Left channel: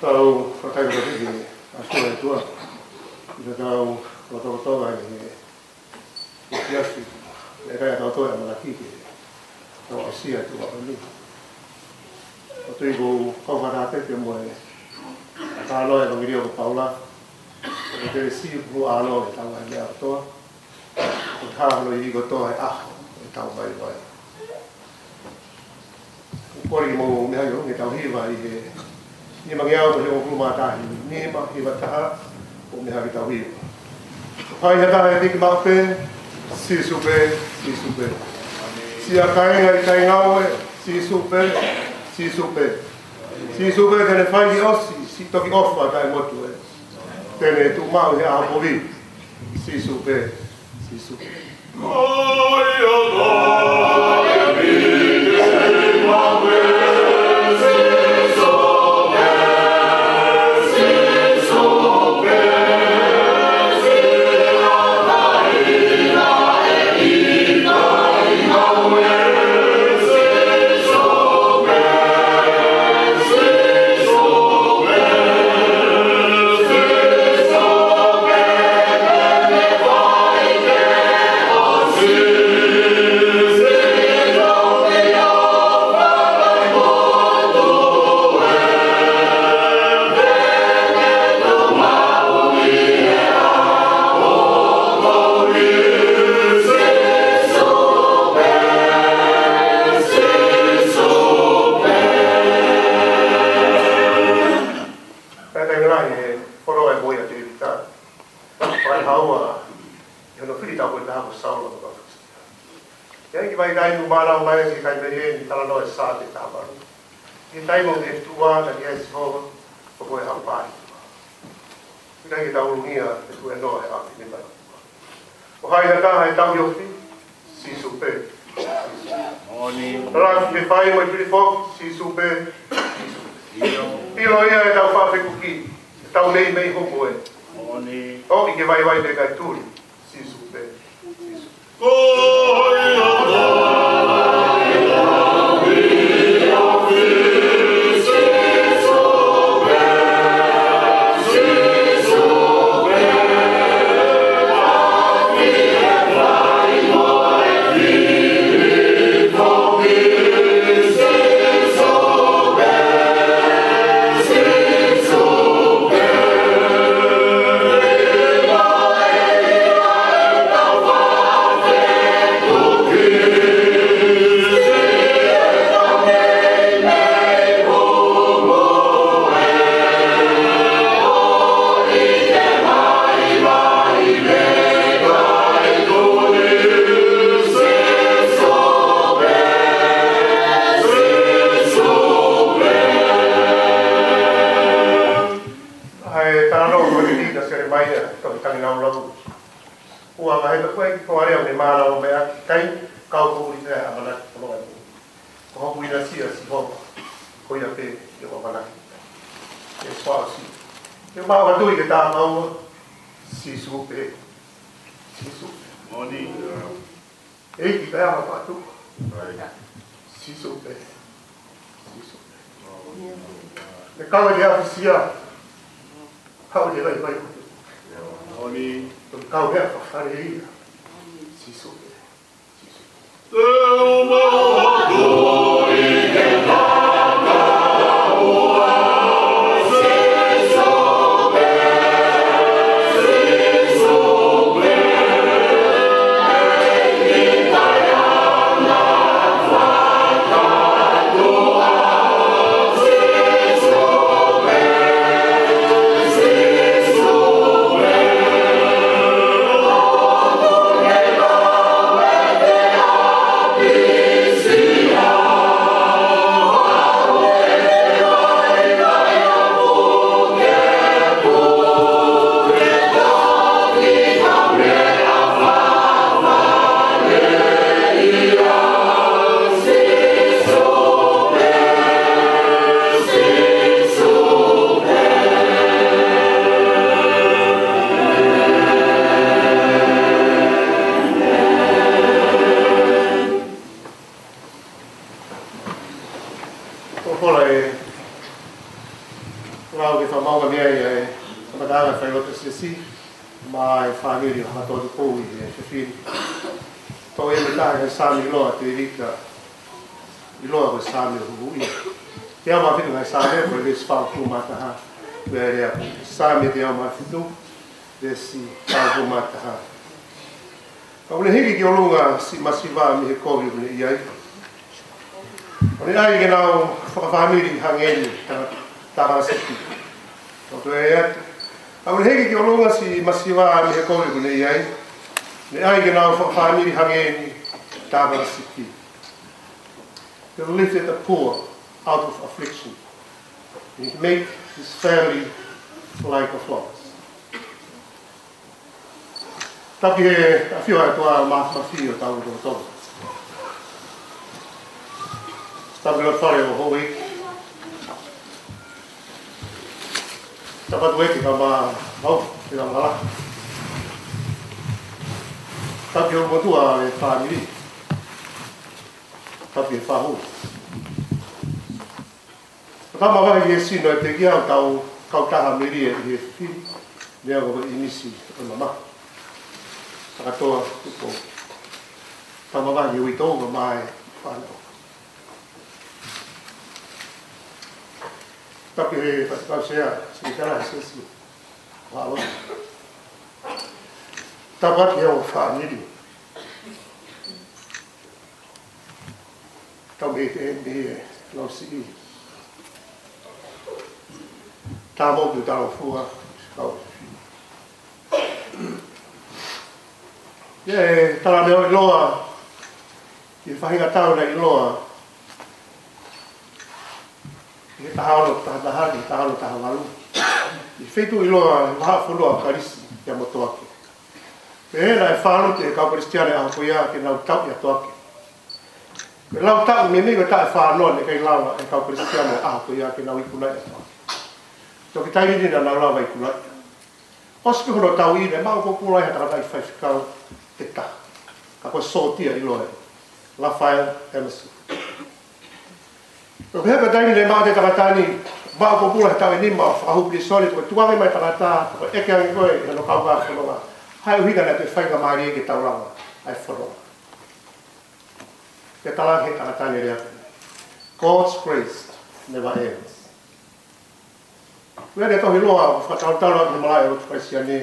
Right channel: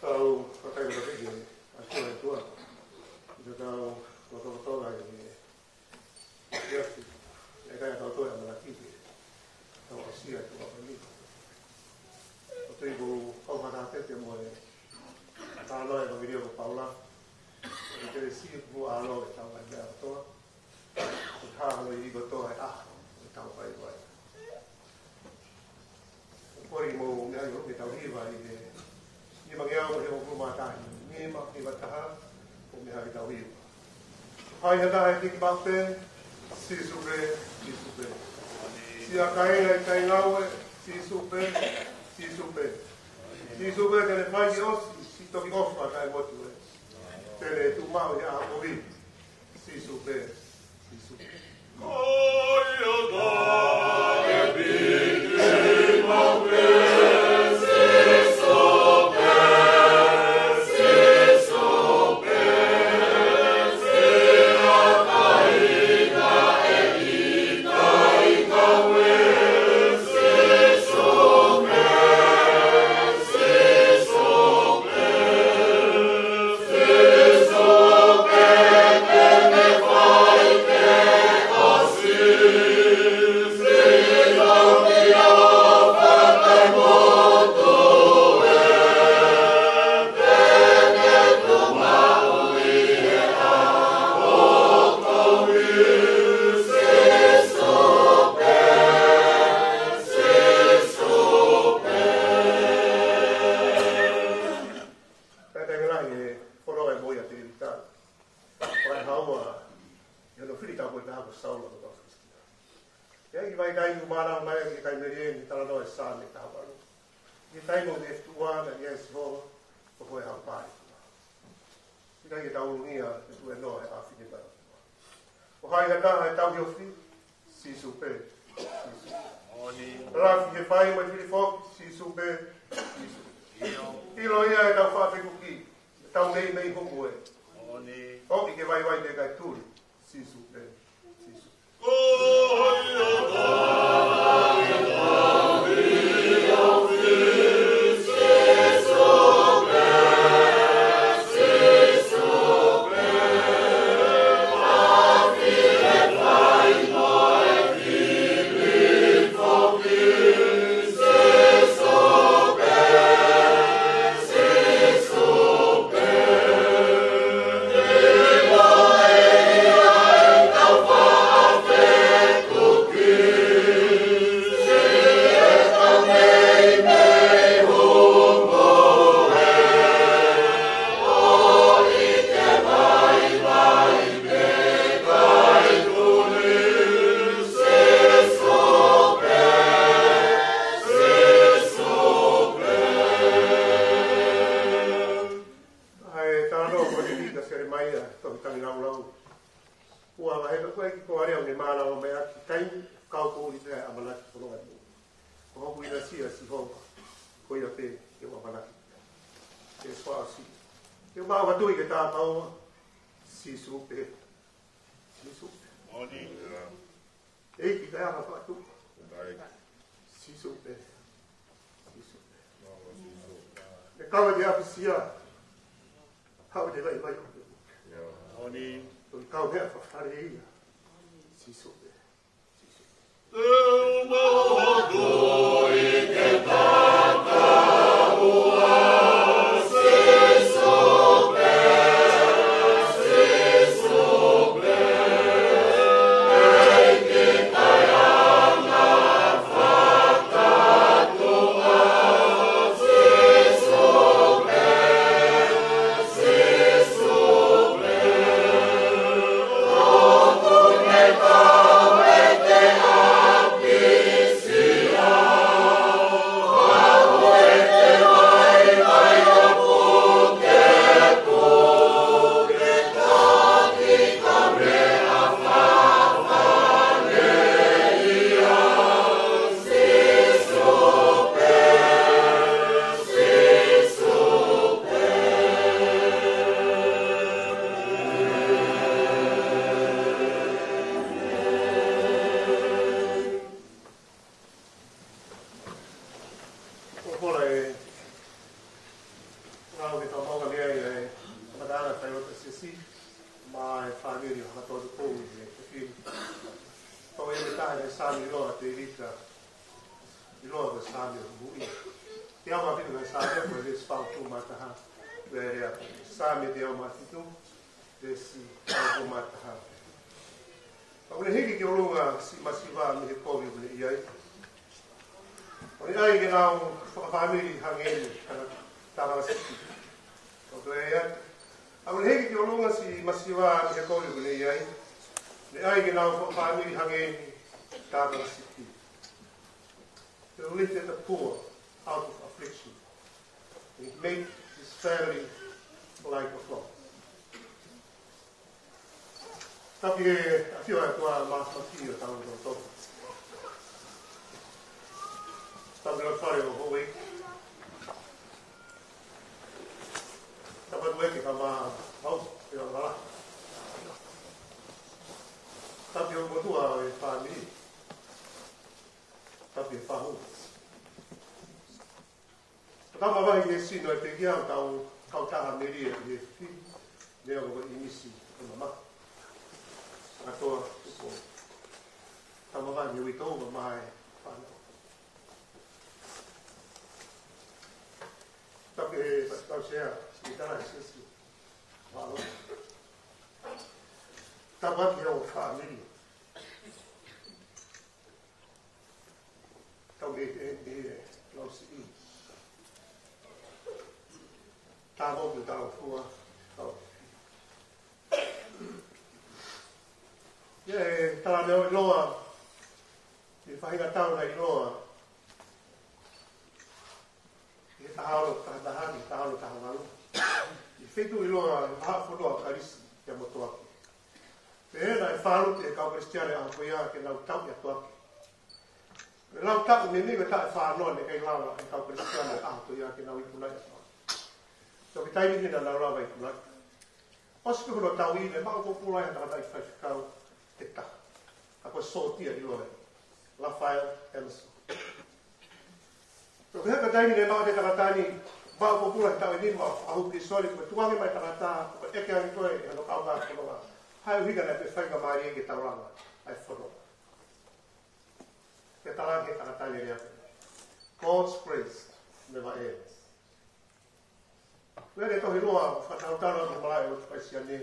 Tau whakaira riki a tua e tua. Ina tau whakautoga e fiasi. E kai tau toa e malakiki. Tau asia tua ali. O tui ko kawharate te moe. Ta aloe wangirio ko paula. E te si ku aloe e tau ai a toa. O tālo i ko toa e aho e tau vai vai. Kori mo mea yo, me tau hiwa i he ni mangiao ko he o kumatahi, ni ma hiwa taha o mea ki tau hiwa. Pai he taha e riki mape, si supe. Si a kainga i tai ngaue, si supe. Si supe tene whai ki osi, si toki ofa kai motu e. Tene tu mau he aho povi, si supe. Oh to e me tae sami loa te rika i loa ko sami hui te ama fitu ngai sami ko le spa ku mata ha where sami te ama fitu le si ku mata ha ka le hiki ki olunga si masiva mi he ko ni ia Oni ai ke nau whakawhamiri hangeni tāra seki. Tō e atu. Au heki ki olunga si masiwa mi he kore kune iai. Ne ai ke nau whakawhamiri hangeni tāra seki. To lift the poor out of affliction. And to make his family like a flock. Tapi he a whiwha tua māwhawhi o tau o tō. Tabi lo whare o hoi. Tapat weki ka mā hau, te ka mala. Tabi o motua e whāmiri. Tabi e whahu. Tama wahi e sino e te kia o kau taha meri e he whiri. Lea ko inisi o mama. Takatoa tupo. Tama wahi e uitou ka mai whanau. Tapi he whakau sea, si kara he sesi. Wālo. Tapat heo whaniri. Tau me te me e lau si i. Tā mōku tāo fua, kau. Ie, tala meo i loa. I whahinga tau na i loa. I tahano tahahani, tahano tahawalu. I whetu i loa, waha whulua karisi, ia motoake. Me hena e whānu te kau kristiane a koia ke nau tau ia toake. Me lau tau, me migo ta e whānoa ne kei lawa e kau kristiane a koia ke nau ikunai a toake. Tō ki tairi nina nau lawa ikunai. Oski hono tau i ne, mau kokulai ha taratai whaiwhikau te ta. Ka koe sōtia i loa e. Raphael Emerson. Ko heka daini le mate takatani ba ko pula ta ni ma fa hu pri soli ko tuave mai takata ko eke angi ko e no kau ga so ma hai hu ga te fai ga mari ke taula ai foro ke tala he takatani le God's grace never ends we le to hiloa fa tau tau ni malai o presiani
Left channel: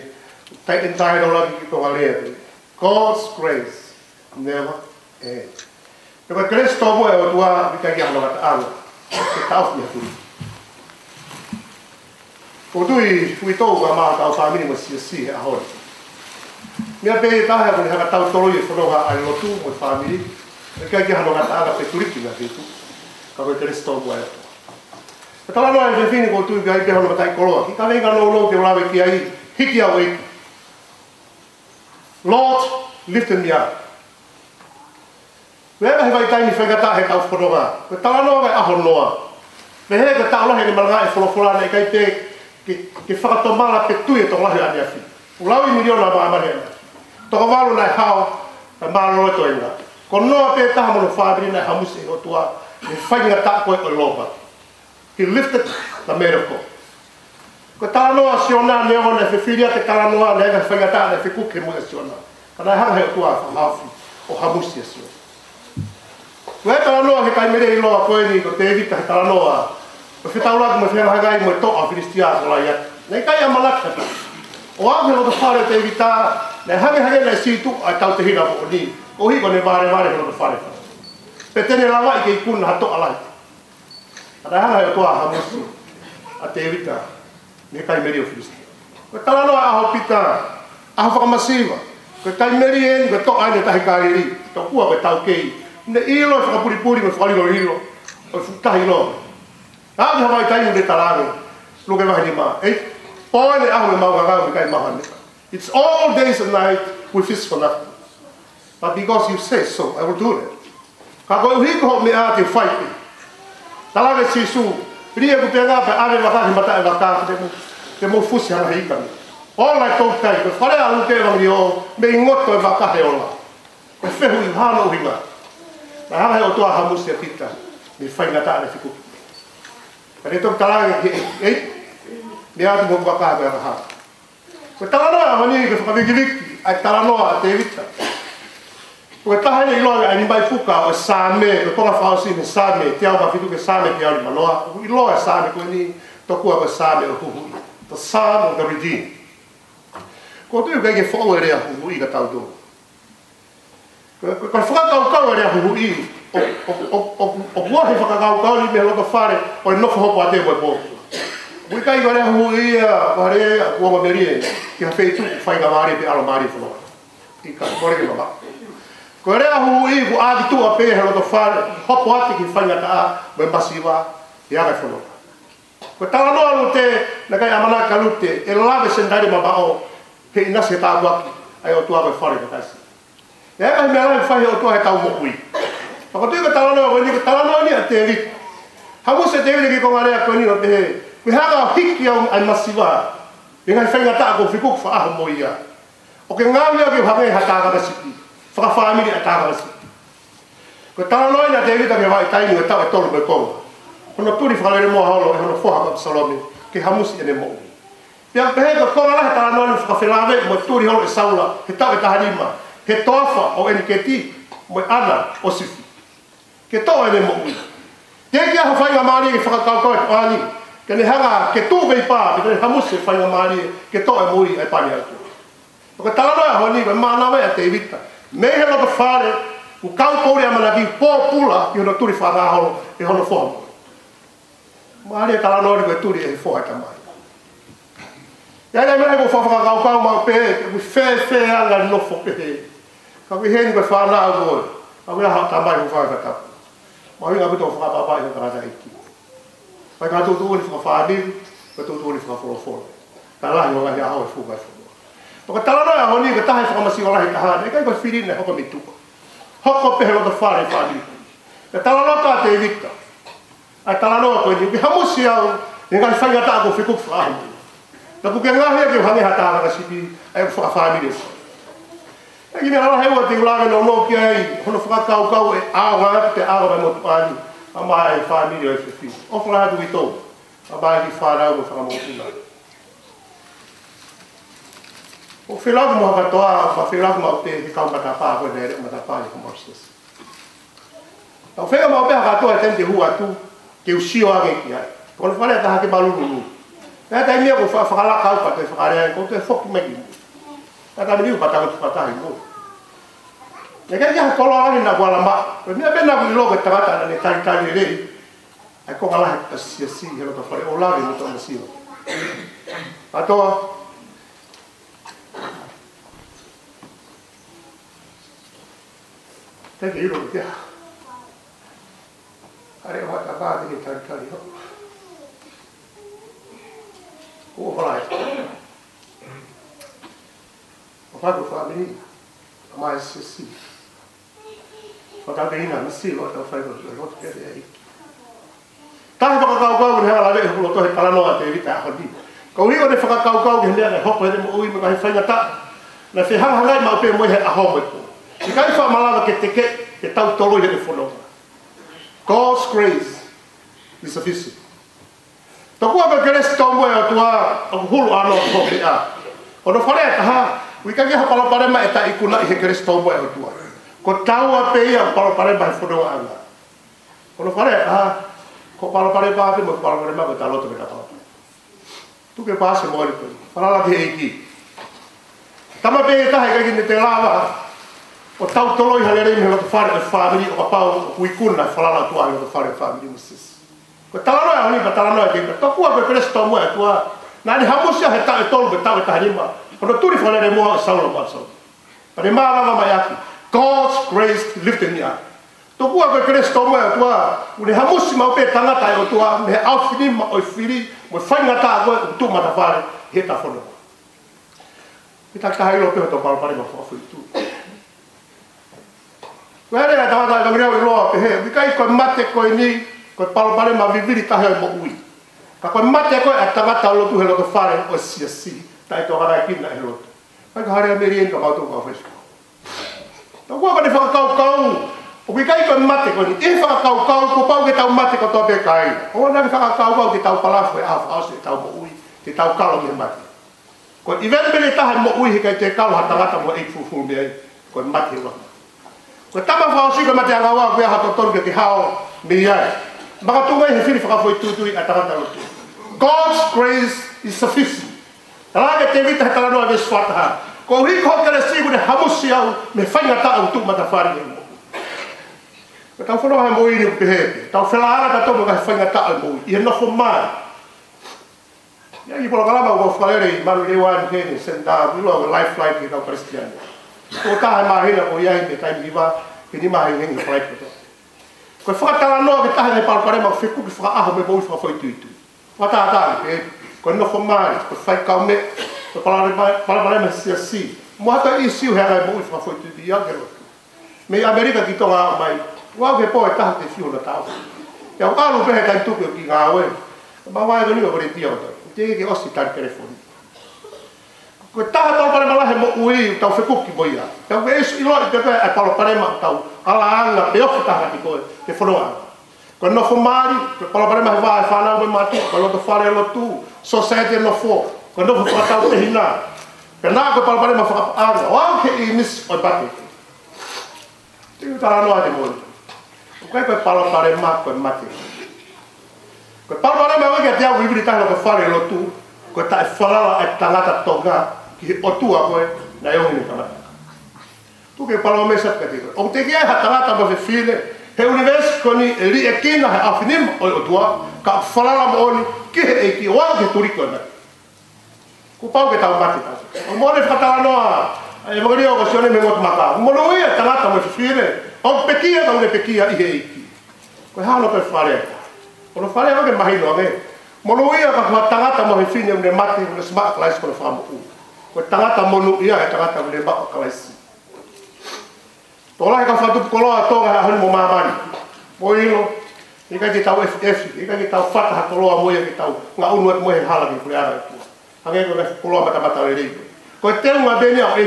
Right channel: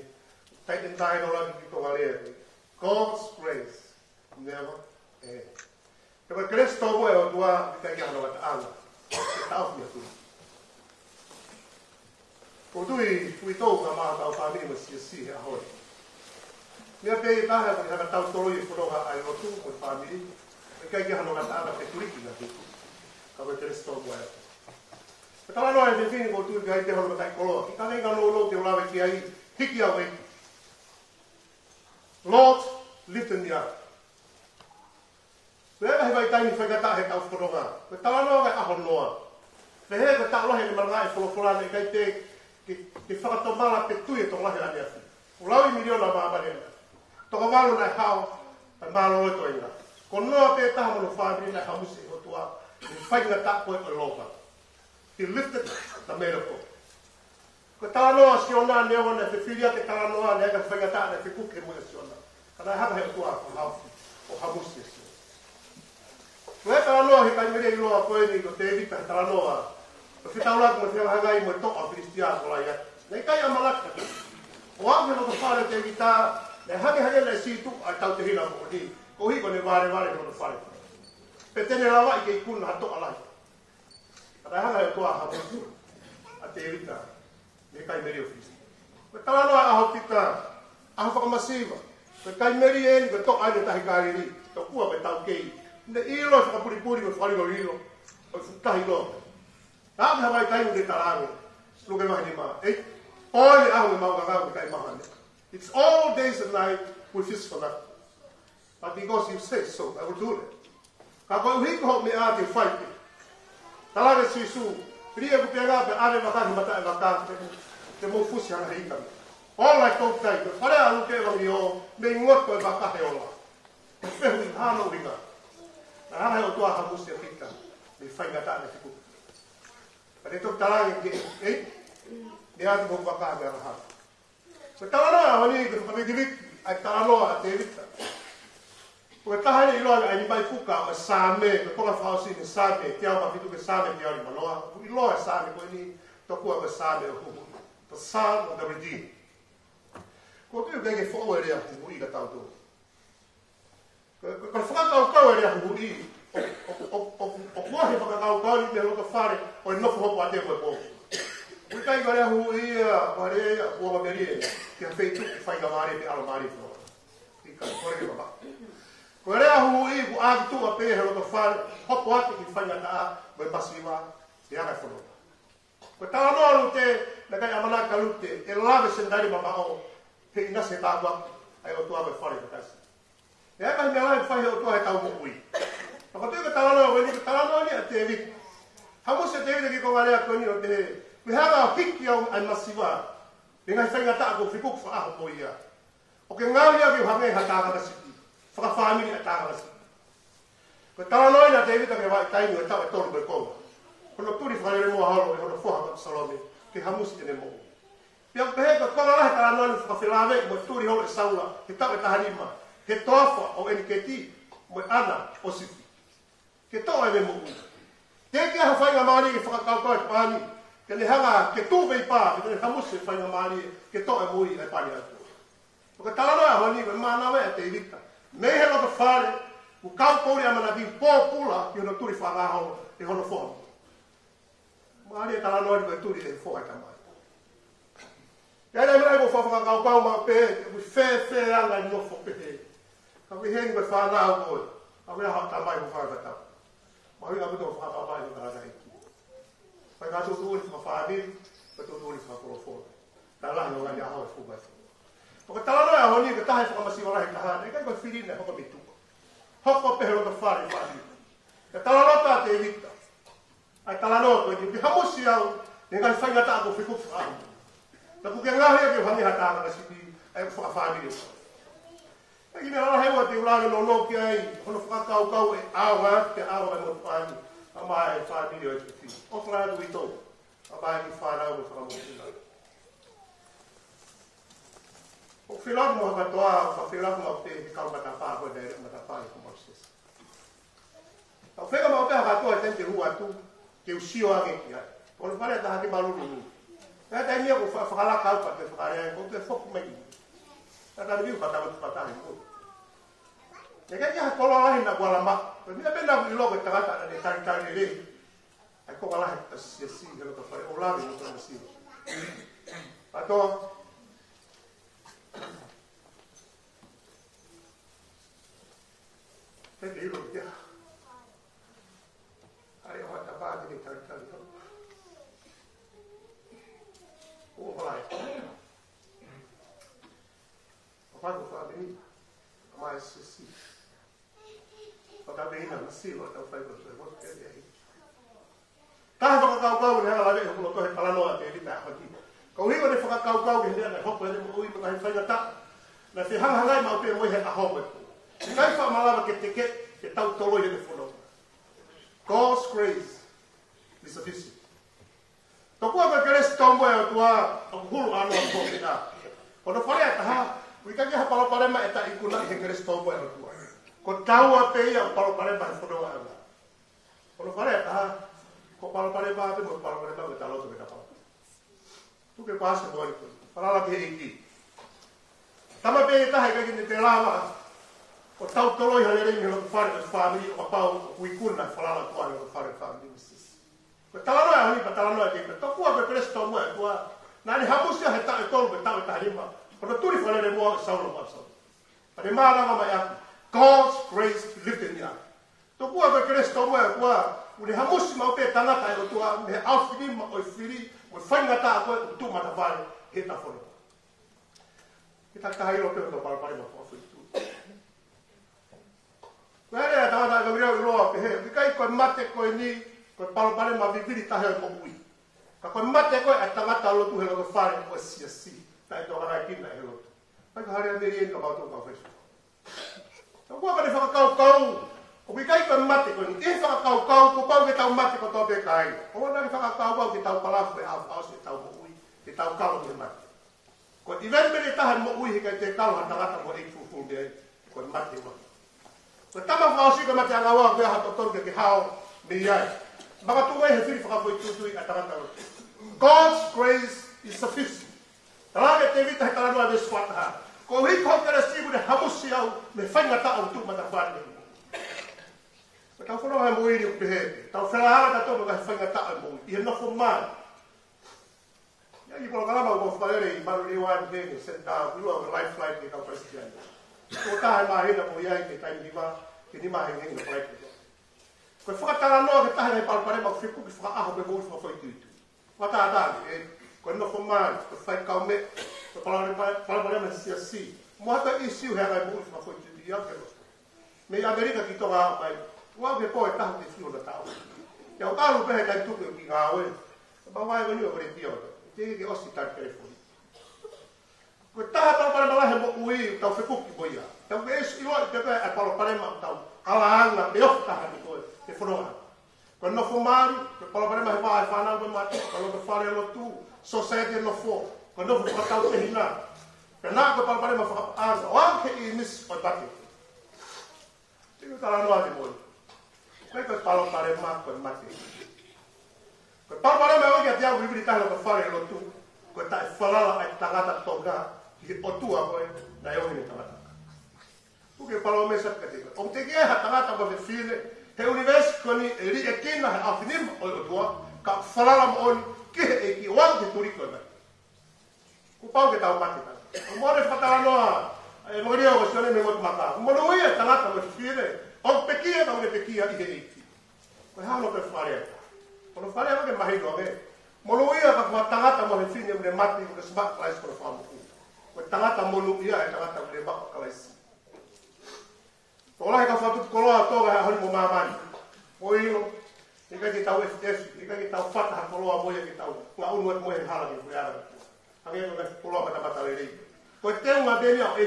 tai entai do la ki ko ale God's grace never ends. Pero Cristo mo e o tua vika ki amo ngata alo. Ke tau ni hatu. Ko tui tau ka maa tau whamini mo si he ahori. Mia pe tahe kone haka tau tolo i whanonga ai lotu mo whamini. E kia ki amo ngata ala pe turiki na hitu. Ka koe Cristo mo e ato. E tala noa e whini ko tui kai te hono matai koloa. Ki ka venga no lo te olawe ki ai hiki au eiku. Lord, lifted me up. Wea he vai taini whaigata he tau whanonga. Ko tala noa vai aho noa. Me he ka tau lahi ni malanga e wholofora nei kai te ke whakatomala pe tui e tō lahi ane awhi. Ulawi miliona ma amane ana. Tōka walo nai hao, ka maro e to inga. Ko noa pe taha mono whaabiri nai hamusi o tua, e whainga ta koe o lopa. He lifted the man of God. Ko tala noa siona neo ne whiwhiria te tala noa ne ega whaigata ne whikuke mo e siona. Ka nai hanga he o tua whahawhi o hamusi e siona. Ko he tala noa he kai mere i loa koe ni ko te evita he tala noa. Ko whitauraki mo whengahagai mo e toa whiristia ko lai atu. Nei kai amalaka. O aku he o te whare te evita, nei hage nei situ ai tau te hira mo ni. O hiko ne vare he o te whare. Pe tene lawa i ke ikuna hato alai. Ana hanga he o toa hamusi. A te evita. Nei kai mere o whiristia. Ko tala noa aho pita. Aho whakamasiwa. Ko kai mere e ni ko toa ane tahi kāriri. Tau kua koe tau kei. Ne ilo e whakapuripuri me whakariro ilo. O tahi loa. Aki hawai tainu le talangi. Luke wahi ni maa. Ei, poe aho me maungangau me kai maha nika. It's all days and night we fish for nothing. But because you say so, I will do it. Ka koe uhiko ho me a te whaipi. Talangi sisu. Ria ku te ngā pe are wakahi mata e waka te mo fusi hana hikami. Ola e tau tai, ko whare a luke wangi o me ingoto e wakahe ola. Ko whehu i hana o hinga. Na hanga he o toa hamusi a pita. Me whaingata ane whikuki. Kare tōk talangi ki me atu mo wakaha me anaha. Ko talanoa a mani ke whakawikiriki ai talanoa a te evita. Ko taha ni loa ai mai fuka o same ko ponga fausi ni same te au fitu ke same te au manoa i loa same ko ni toku o same o hu the son of the redeemed. Ko tu ke fo e rea hu i ka tau do. Ko fuka kau kau rea hu i o wa he fuka kau kau ni me lo ka fare o no fo po ate mo po. Ui kai ko rea hu i a pare ko ma merie ki ha feitu fai ga mari pe alo mari fo. I ka ko re ma. Ko rea hu i ku a tu a pe he lo ka fare hopo ate ki fai ga ta me masiva ya ga fo. Ko tala no alu te na kai amana kalute e lave sendari ma bao he ina se ta waki ai o tua ko fare ka kasi. Ya ka me ala fai o tua he tau mo kui. Ko tu ka tala no ni ka tala no ni a te vi. Ha mo se te vi ki ko ngare ko ni o te we ha hiki au ai masiva. E ngai fai ngata ko fiku fa a mo ia. O ke ngami o ke hake hata ka siki. Fa family ata ka siki. Ko tala no ina te vi ta ke vai tai ni ta tolu be ko. Ono turi whakalere mua holo e hono whoha ka Absalome ke hamusi ene mo. Pia pehe ka konga lahe tala noani whakawhelave mo turi holo e saula he tawe taharima he toafa o eni ke ti mo ana o sifi. Ke toa ene mo ui. Te kia ha whainga maari ke whakakaukau e pani ke ne hanga ke tū vei pā ke ne hamusi e whainga maari ke toa e mo ui e pani atu. O ke tala noa honi ke mānawe a te evita. Mei he loka whare u kau pōri amana ki pōpula ki hono turi whanga holo e hono whoha. Maria tala no ko turi e fo ta mai. Ya le mele ko fa ka ma pe ku fe ala no fo pe. Ka we hen ko fa na go. Ka we ha ta mai ko fa ta. Ma we ga to fa ba ba ko ra iki. Pa ka to ni fa ni, ko to ni fa fo. Ta la no ga ya ho fu ga fu. To tala no ya honi ko ta ha fa ma si ora ta ha. E ka ko firi ne ko mi tu. Ho ko pe ho to fa ni. Ta tala no ka te vita. Ai tala no ko ni hamusi au ngai fai ngata ko fiku fa. Na ku ke ngahe ke hange hata ka sipi ai fa family. Ai me ala hewa te ulaga no no ki ai hono fa kau e awa te awa mo pani. Ama ai family e fi. O fa tu ito. Aba ki fa ra mo fa mo tula. O filago mo ka toa fa filago mo te ka ka pa ko ne mo ta pa ko mo sis. O fega mo be ka toa tente hua tu ke usio age ki ai. Ko fale ta ke balulu. Na ta mia ko fa la ka pa te fa re ko te fok me ki. Ta mi pa ta ko ta ngo. Ya ke ya ko la ni na wala ma. Ko mi be na ko lo ko ta ta ne ta ni re. Ai ko ala ta si si he lo ta fare o la ni to na si. Ato te ke iro ke. Are wa ta ba ni ta ni ho. O vai. O vai para mim. Mais sim. O tá bem na sim, o tá fazendo o outro que é aí. Tá para cau ne hala le o to he tala no te vita ho di. Ko ri o de fa cau que le ho ko de mo ui mo ka fa ngata. Na se hanga hanga ma pe mo he a ho mo. Se kai fa malava que te que tau tolo de fono. God's grace is sufficient. Toko ka keres to mo e tua o hulu ano ko be a. O no fare ha, wi ka ha pala pare ma eta ikuna he keres to mo e tua. Ko tau a pe ia pala pare ba fono anga. O no fare ha, ko pala pare ba pe mo pala pare ma ko talo to be ka. Tu ke pase mo ni ko. Pala la be iki. Tama pe ta he ka ni te lava. O tau tolo i halere me lo fare family o pau wi kuna fala la tua lo fare family musis. Ko tala no ani tala no ke to ku ko kres to mo tua na ni hamusi ha ta to be ta ta rima ko turi fala re mo saulo paso pare ma va ma yaki God's grace lifted me up to ku ko kres to mo tua ni hamusi ma pe tanga ta o tua me afini ma o fili mo fanga ta ko tu ma ta fare he ta fono ita ka hailo pe to pare ma fo tu Where ta ta ka miro lo pe he kai ko mate ko ni ko pale ma viviri ta he mo ui ka ko mate ko atanga ta lo tu he lo to fare o si ta to gara ki na he lo ka hare amerien ka ba to ka fes to ko ba de fa kau o bi kai ko mate ko ni e fa kau ko pau ke ta mate ko to be kai o na fa kau ke ta pala foi a se ta mo ui te ta ka lo me mate ko event bele ta mo ui he ka te ka ha ta mo e fu me ko mate lo Ko tama fa si ko mate anga wa ko ha to ton ke hao mi ai. Maka tu ngai fili fa foi tu ataka ta. God's grace is sufficient. Ala ke vita ta no ave swata. Ko hi ko ka si ko de hamusi au me fanga ta au tu mata fari. Ko ta fo no ha mo ini pe he. Ta fela ala ta to ka fanga ta au mo. I no fo mai. Ya i por kala ma ko fare malu le wan ke ni senta lo lifeline ki ka Christian. Ko ta ma hina o ya ni kai viva ke ni ma hi ni flight ko. Ko fa ta no ke ta ni par pare ma fiku ki fa a me bo fa foi tu. Fa ta ke ko no fo mai ko fa ka me ko pare ma si. Mo ta issue ha ga bo fa foi tu ya ke. Me America ki to ga mai. Wa ke po ta te fiu na ta. Ya ka lu pe ka tu ki ga we. Ma wa ga ni ko ri tio. Tege osi tar telefone. Ko taha tau pare malahe mo ui tau whekuki moia. Tau esu ilori te koe e palo parema tau ala anga pe ofu taha ki koe te whanua. Ko no whamari, ko palo parema he waa e whanau me matu, ko loto whare lotu, society no fo, ko no whakatau te hina. Pe nā ko palo parema whakapanga, wau ke I miss oi pate. Tiku tala noa te moi. Ko koe palo parema koe mate. Ko palo me wa ke tia wibri tanga ko fare lotu ko ta falala e tangata tonga ki otua ko na yo ni kama tu ke palo me sa ke o te ke ha tangata mo file he univers ko ni ri e kina ha afinim o otua ka falala mo ni ki e ki wa ke turi ko na ko pau ke ta mati ta o mo le fatala no e mo ri o sione me ngot maka mo no ia tangata mo file o pekia ta une pekia I he ko ha no pe fare. Ono fare ake mahi no age. Mono ia ka kwa tangata mo he fine une mati une smart class ko fa mo u. Ko tangata monu ia he tangata une ba class. Tola ka fa tu ko loa toga ha mo mamani. Mo ilo I ka ki tau FF, I ka ki tau fata ha ko loa mo ia ki tau nga unu mo he hala ki kuleara ki. Hage ko le ko loa mata mata le ri. Ko te nga beni au e.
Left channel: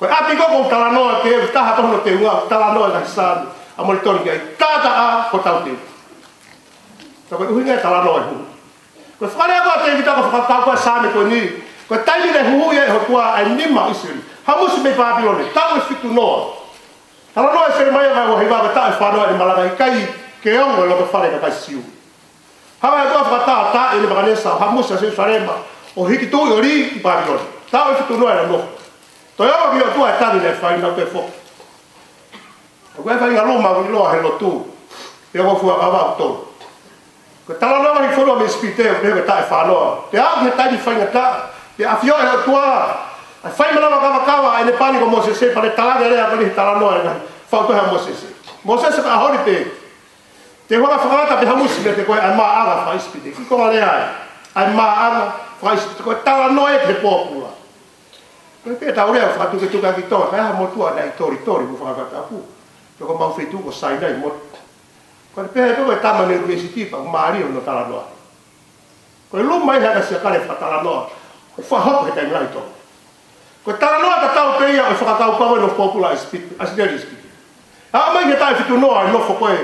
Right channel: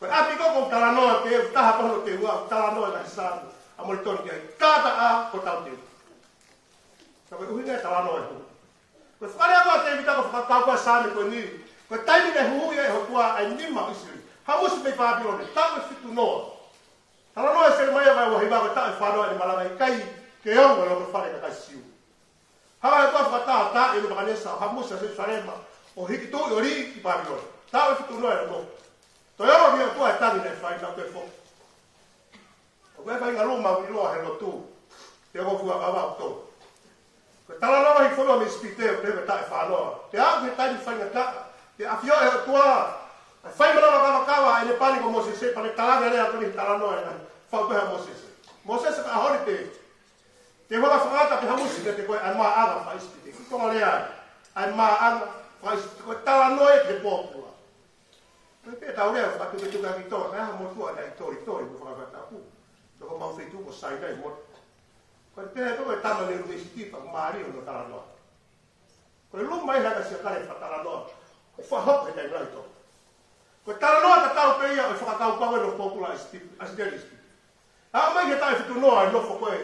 Ko ati ko ko tala noa ke ta ha tono te nga tala noa ka sa amol tori ki tata a ko tau te. Ko uhinga tala no hu. Ko fare aga te vita ko fa ko sa me ko ni. Ko taimi le hu ye ho kwa ai ni ma isiri. Hamus me Babylon. Ta o fitu no. Tala no se mai ga ho hiva ta fa no ni malaga kai ke ongo lo ko fare ka siu. Ha ga ko fa ta ele ba ne sa hamus se fare ma. O hiki tu yori Babylon. Ta o fitu no era no. To yo ki tu ta ni le fa ina te fo. Ko ga fa ina lo ma ko lo he lo tu. Yo ko fu ava to. Ko tala no mai fono me spite o me ta fa no. Te a me ta di fa ngata. Te a fio e tua. A fa me lava kawa e ne pani ko Moses se pa le tala gere a ni tala no e fa to ha Moses. Moses ka horite. Te hoa fa ta pe hamus me te ko a ma aga fa spite. Ki ko le ai. A ma aga fa spite ko tala no e te popula. Ko pe ta ore fa tu ke tu ka ki to. Ha mo tua dai tori mo fa ta ku. Ko ma fe tu ko sai dai mo. Ko pe to ko tama ne university pa Mario no tala no. Ko lu mai ha se ka le fa tala no. Ko fa hop he tai lai to. Ko tala no ta tau pe ia fa ka ko no popular speak as there is. Ha mai ke tai fitu no no fo ko e.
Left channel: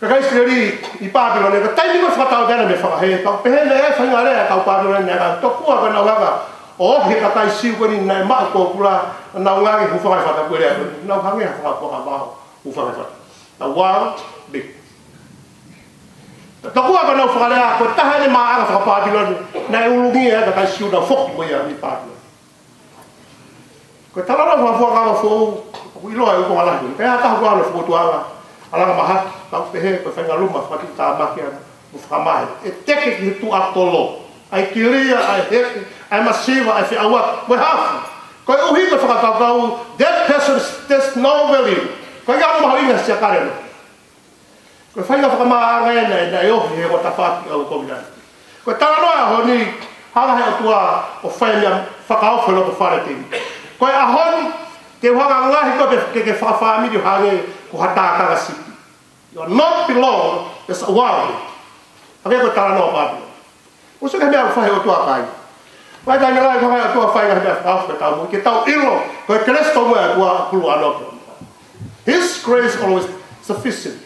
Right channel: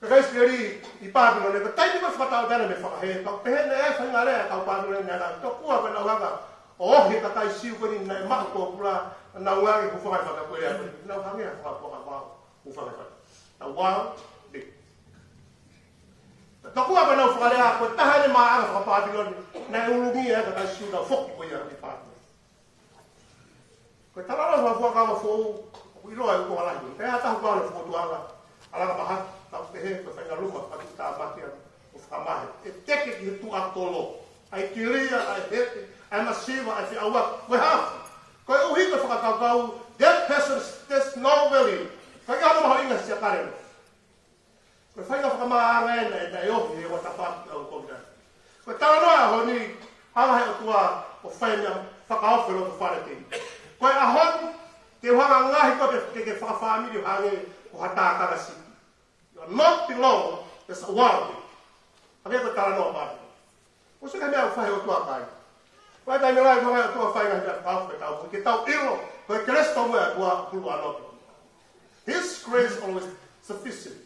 Ka kai skleri I Babylon ne ka tai ni ko fa tau dela me fa he ka pe le fa ngare ka Babylon ne ka to ku ka no ga. O he ka tai si ko ni na ma popular na ngare ku fa fa ta ko le. Na ka nge fa ko ka ba ku fa fa. Na wa big. Taku apa na fara ko taha ni ma aga fa Babylon na ulungi ya ka siu da fok mo ya ni Babylon. Ko tala na fa ka fo ko ilo ai ko ala ni. Ka ta ko ala fo to ala ma ha ta pe he ko fa ngalu ma fa ta ma ki mo fa mai. E teke ki tu atolo. Ai kiria ai he ai masiva ai fi awa we have. Ko uhi ko fa ka that person there's no value. Ko ya mo halinga sia kare. Ko fai na whakamanga na e ohi he wata whaki au komina. Ko tala noa ho ni hala he atua o whai mea whakaofu lo ko whare te. Ko e ahoni te whaka ngahi ko ke whawhamiri hage ko hatākanga siki. You are not belong, there's a world. Hake ko tala noa Babylon. Ko suke mea whai o tua kai. Wai kai ngai ko whai o tua whai ngahi mea whakaofu ke tau mo. Ke tau ilo ko e kresto moe atua kulu anopo. His grace always sufficient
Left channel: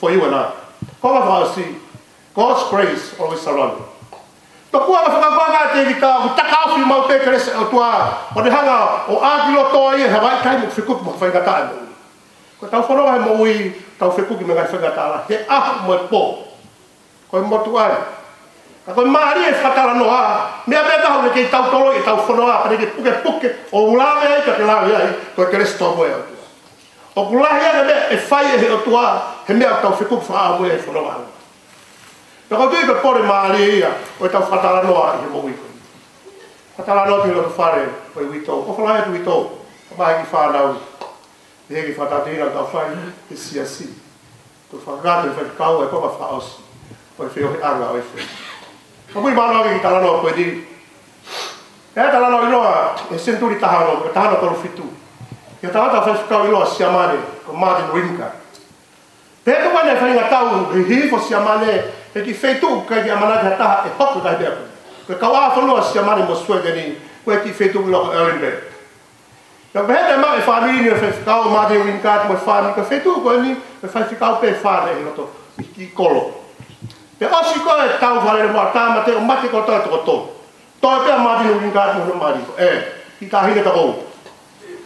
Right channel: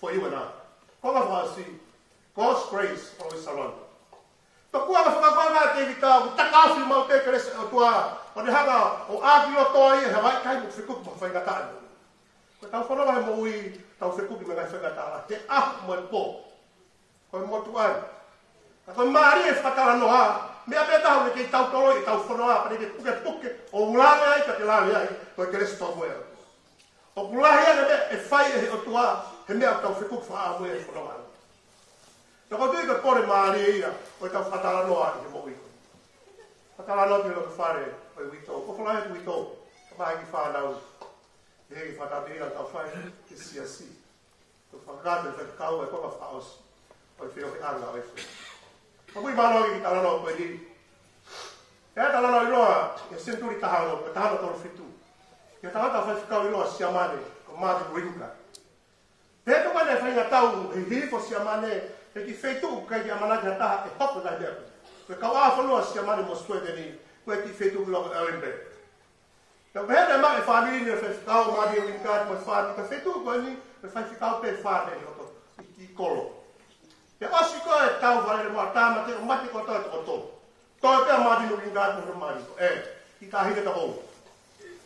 for you and I. Como vai assim? God's grace always surrounds you. Tō kua na whakapanga te vita, o takawhi mau te kerese o tua, o te hanga o ākilo tō ia, he wai kai mo whikupu mo whaingata e mo. Ko tau whanau he mo ui tau whekuki me ngai whangatala. He ahu mo e pō. Ko e motu ai. Ka koe maari e whakatala noa. Mea mea tahu ne kei tau tolo i tau whanau a. Kane ke puke o ulawe ai ka ke lawe ai. Ko e ke resto mo e atua. O kulahi ane mea e whai e he atua. He mea tau whekuki whaa mo e whanau a. Ka koe tui pe pore maari e ia. Ko e tau whakatala noa i he mo ui koe. Whakatala noa ki loto whare. Ko e witou. Ko whanau e tu witou. Ka mahi ki whanau. E hegi whatatina tau whai e siasi. Ko whakakato e whakakau e papa whaosi. Ko e whio he anga o e whi. Ka mui manoa ki talanoa koe diri. E talanoa inoa e senturi tahano, e tahano tolu fitu. Ia tahata whakakau inoa siamane, ko Martin Winka. Pēka wane e whainga tau, he hifo siamane, e ki wheitu kai ki amanaki ha taha e hoku kai bea koe. Koe kau a whanua siamane mo Swedeni, koe ki wheitu ilo Erlenberg. Ka pēta mak e whanini e whakakau Martin Winka, mo e whanini, ka wheitu koe ni, e whakakau pe whane e loto, i kolo. Pe osi koe e tau whare mo a tāma te o mate ko toi toko tō. Toi pēa Martin Winka mo no mariko, i tā hine ta kou.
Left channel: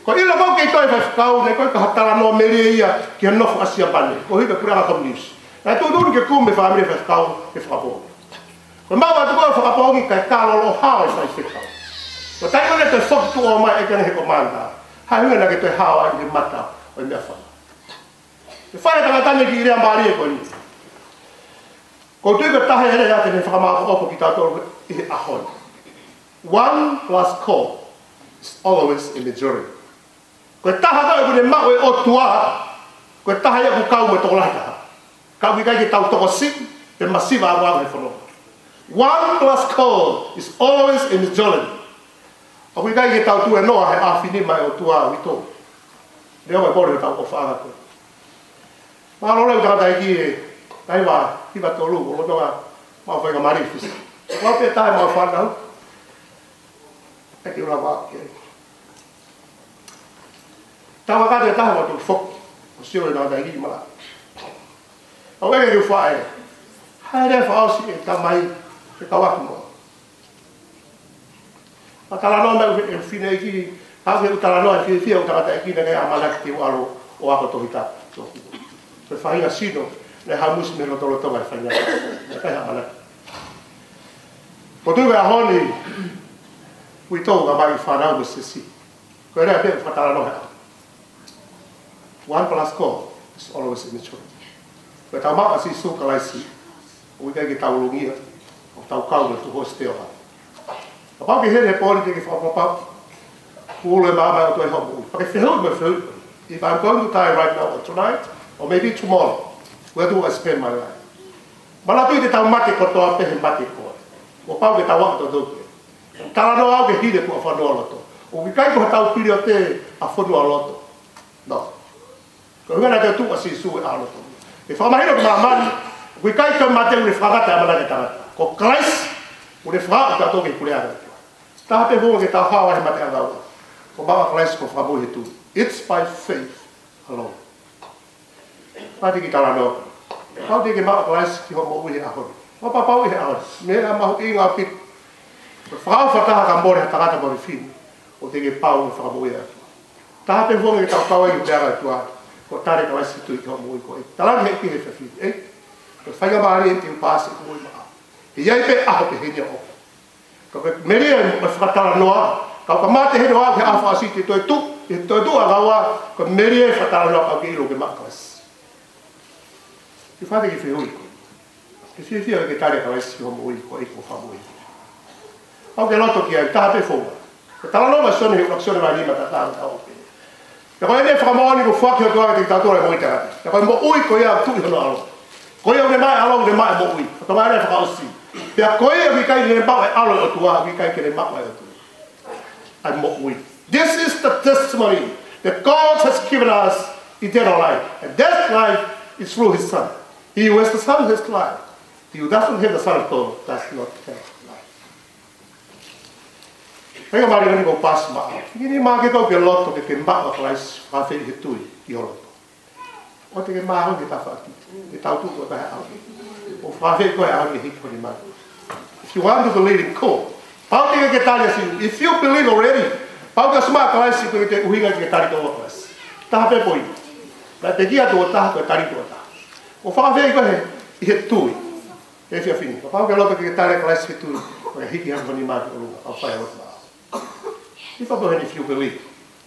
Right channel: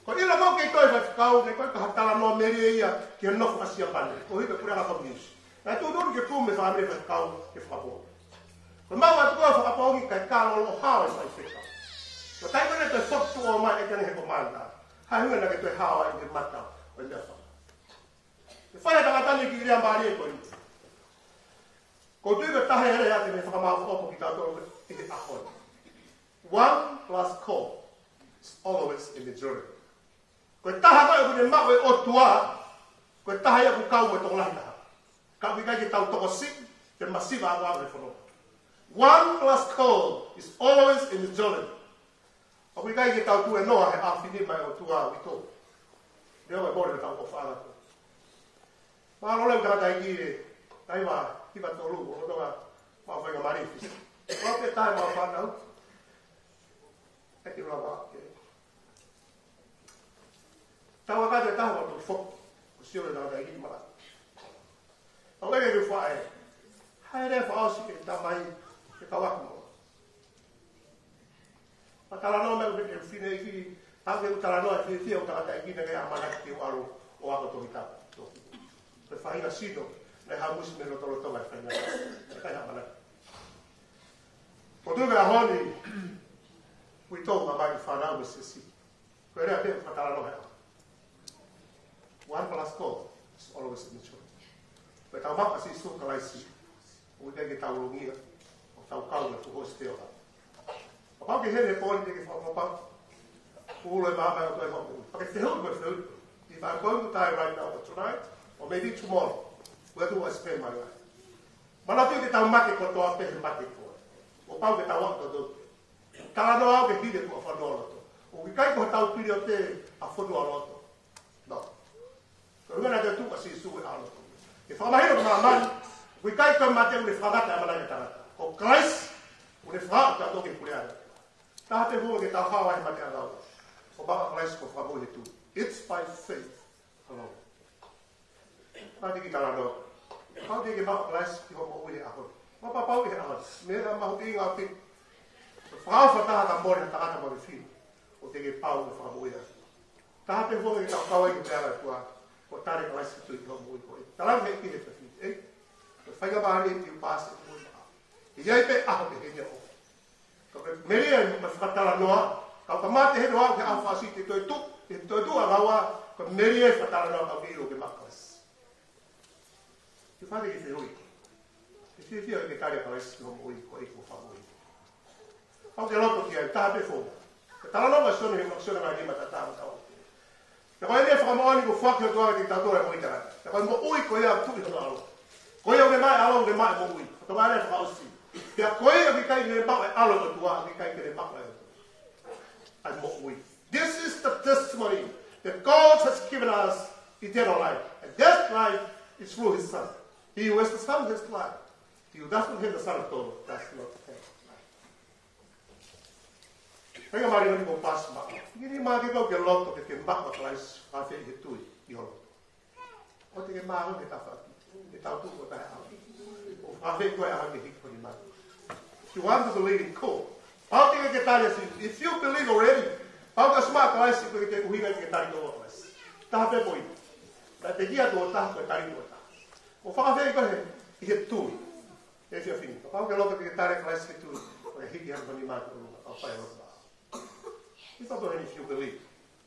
Ko ilo kau kei toi whakakau, ne koe ka hatala noa meria ia ki ha nofo asia pane, ko hipe pura ka komunis. Nai tū tūru ke kume whamiri e whakakau e whakapongi. Ko mau atu koe whakapongi kai kālolo hao e whai whekau. Ko tai kone te whoki tu o mai e kene he ko manda. Hai hunga na ke toi hao ai ki mata o i mea whana. Te whai tanga tane ki i rea maari e koe ni. Ko tui ka tahe hele ate ne whakamāko opo ki tātoro i he ahoi. 1 plus call is always a majority. Ko taha tau kune mao e o tuaha. Ko taha ia ku kau me toko lahi taha. Kau ki kai ki tau toko sik, te masiva a wāku he whanau. 1 plus call is always a majority. O ki kai ki tau tu e noa he awhini mai o tuaha wito. Leo mai mori he tau o whaanga koe. Maro leu tangata i ki e kai wā hiwa tolu, o lotonga mau whainga marifis. Wā pia tae mau whanau. Eki ura wā kei. Tawa kate taha wa tu fok, o sio na da hii mala. O ege ki whae, haere whaosi e tamai e kawaku mo. A talanoa me e whine e ki, hau ke u talanoa e whia u tangata e ki na kei amalaki te ualo o ako tohita. Se whahinga sino, ne hau musi me rotolo tonga e whahinga, ne kai amalaki. Ko tuwe a honi, ui tau ka mai whanau me se si. Ko ere a pia whatalanoa hea. 1 plus call is always a majority. Koe tau maka si su kalaisi, o ikai ki tau lungia, o tau kau na tu hosi teo ha. Ka pau ki here he politi ki whapapau, kuulu e māma o tu e homu. Pake whehau me whehau. If I'm going to die right now or tonight, or maybe tomorrow, where do I spend my life? Mana tui te tau mate kotoa pehe mate koe. O pau ke tau wakato doke. Tala no au ke hide kua whanua loto. O ki kai koha tau piri o te a whanua loto. No. Ko hunga na te tuka si su e alo to. E whamahino ka maamani, kui kai koe mate ure whakata e manake tangata. Ko klais, ure whakata ka toke kure aga. Taha te hunga ke tau hawa he mate aga ua. Ko mawa klais ko whamu he tu. It's by faith alone. Pati ki tala no. Pau te ke mawa klais ki ho mo uhi ahori. Wapa pau uhi ahori. Mea mahu i ngā pit. Ko whakawhataha ka mbore ha tangata mori whini. O te ke pau e whakamu uhi ahori. Taha te hunga ke tau pau e uteaga e tuaha. Ko tare ka wasi tui ki ho mo uhi ko e. Talangi he ki he whiwhiri. Ko whainga maari e te upasi ko ui maa. E iai pe aho pe henia o. Ko pe meri e whakatala noa. Kau ka mate he noa ke awha asi te toi tu. E toi tu a gaua. Ko meri e whakatala noa kau ke ilo ke makas. Ki whate ki whihui ko. Ke whiwhia ke tare ka wasi ho mo uhi ko e ko whamu uhi. Au ke loto ki ai taha pe whonga. Ko tala noa sone he unaksone mai lima ta taha tau pe. Ja koe ne whakamoani ko whaki o tuaga te ki tātora e mo i te rati. Ja koe mo ui ko ia tui hono alo. Ko ia une mai alo, une mai mo ui. Ka tonga ere whakaosi. Pea ko ia ki kai ne mau e alo o tuaga, ki kai ke ne mau e o tuaga. Ai mo ui. This is the testimony that God has given us eternal life. And that life is through His Son. He who has the Son has life. He who doesn't have the Son of God does not have life. Hei mari ngani ko pas ma. Ngini ma ke ko ke loto ke mba o klais fa fe he tui i loto. O te ke ma o ke ta fa ki. Ke tau tu ko ta ha. O fa fe ko a ke hit ko ni ma. If you want to believe in ko, pau te ke tali si. If you believe already, pau ka sma klais ko te uhinga ke tali ko klais. Ta pe poi. Vai pegia do ta ko tari do ta. O fa ve ko he tui. E fia fini. O pa ke loto ke tare class he tui. O hiki ha ni ma ko a fa e o. I fa bo ni fiu ko li.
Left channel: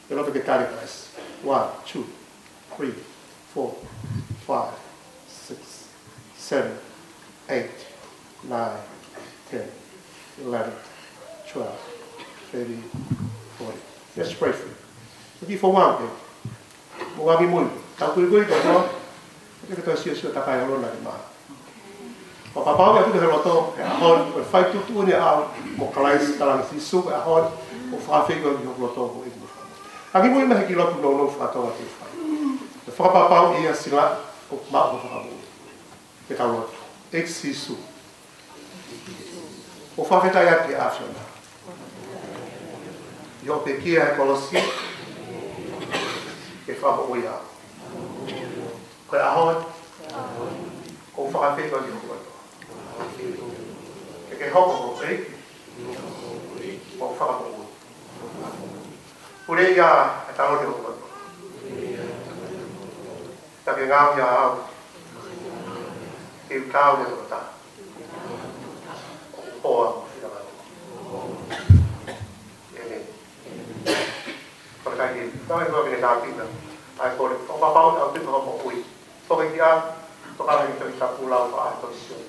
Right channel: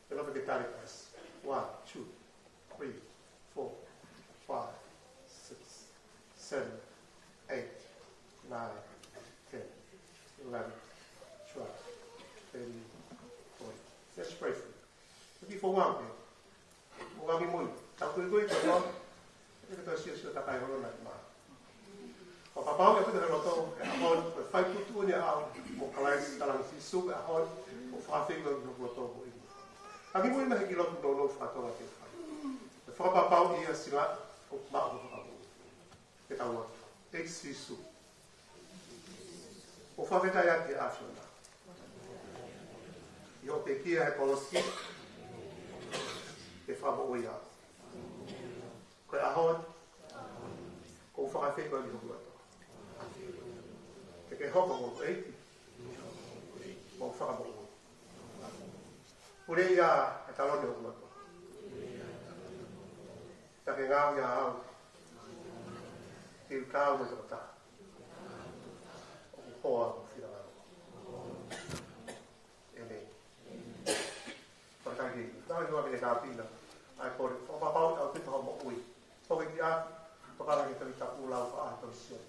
Ke loto ke tare class. 1 2 3 4 5 6 7 8 9 10 11 12 13 40. Let's pray for you. Lagi for one day. Mo wagi mo. Tau kui kui ko no. Ke to sio ta kai lo na ma. O papa ga tu ke lo to. Hon ko fai tu ni a mo kalai talang si su a hon. O fa fe ko yo lo to ko i. Lagi mo me ki lo tu no fa to a fai. O fa papa ia sila o ma o fa mo. Ke ta lo. Ex si su. O fa fe ta ia ke afia. Yo pe kia kolosi. Ke fa mo ia. Ko ahon. Ko fa fe ko di ko. Ke ho ko e. Ko fa mo. Ule ya ta lo di ko. Ta ke ngau ya. Ke kau de ko ta. O Pergi, kalau itu kita dapat kita, aku orang bawa orang tu orang mau ui, orang dia, orang yang kita pulau pak atau siapa,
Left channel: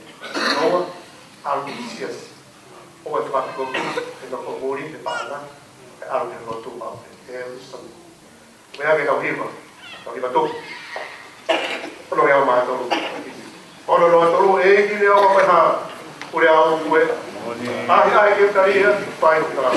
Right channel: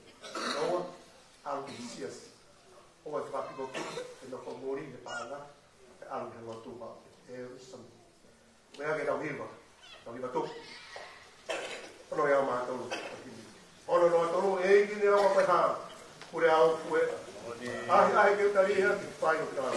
orang ambisius, orang tu pak kopi, kita pemuli di mana, orang yang rotu pak, kita usah, mereka kita hiba tu, kalau yang mana tu, kalau tu, ini orang pernah, orang gue, akhir kita dia, fine kita.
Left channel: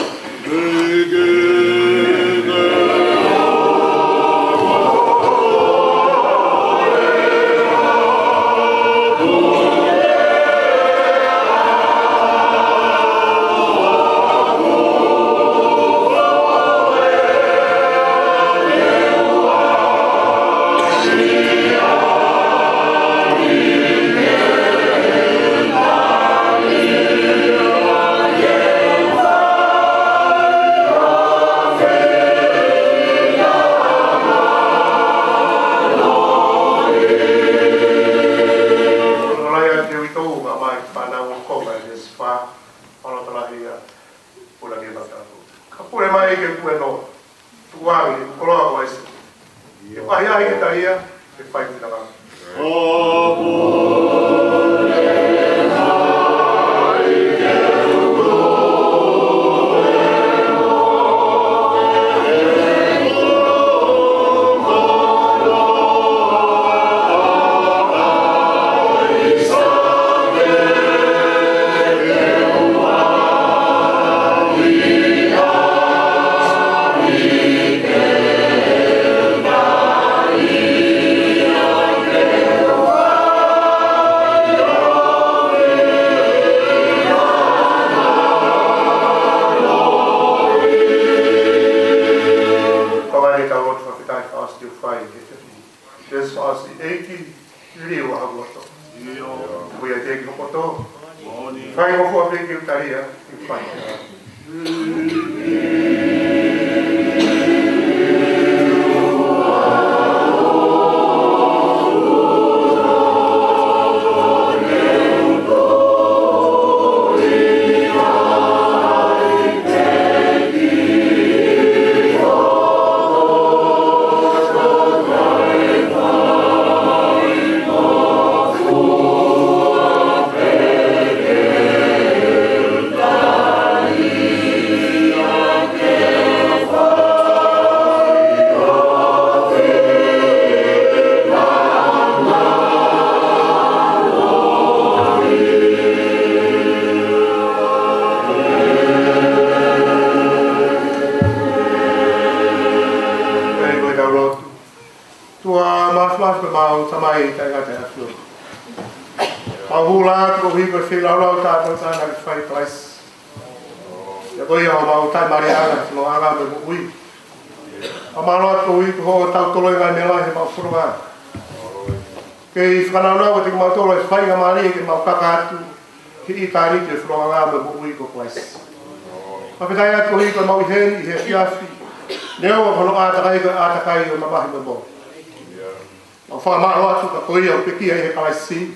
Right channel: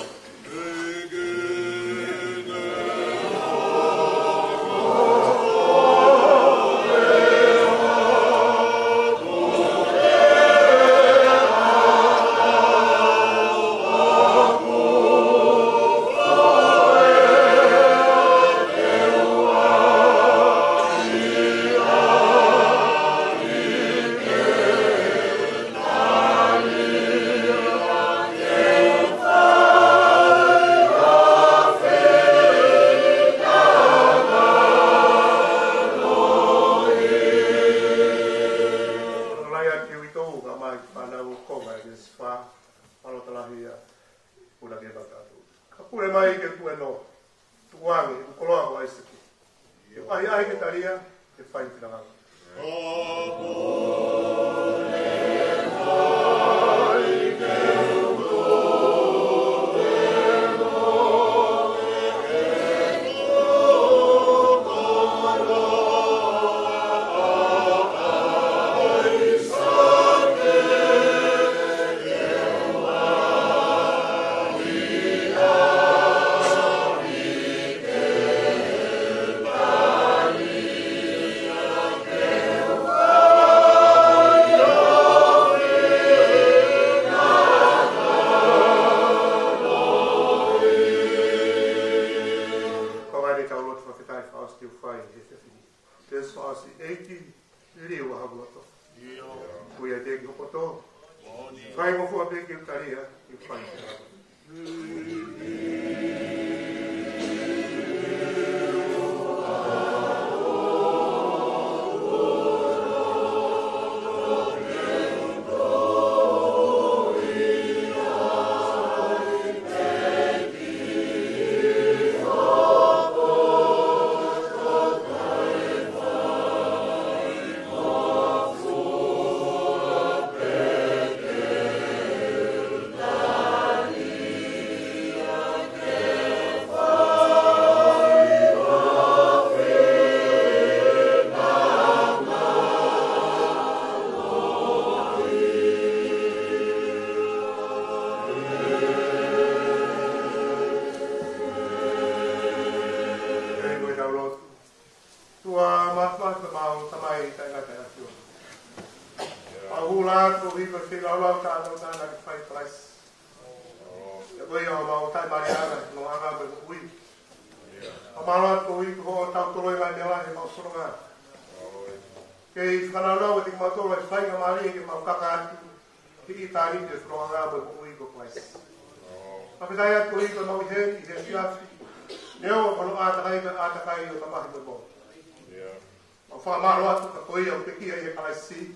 fa ma ro atu ko ia pe ki e ka si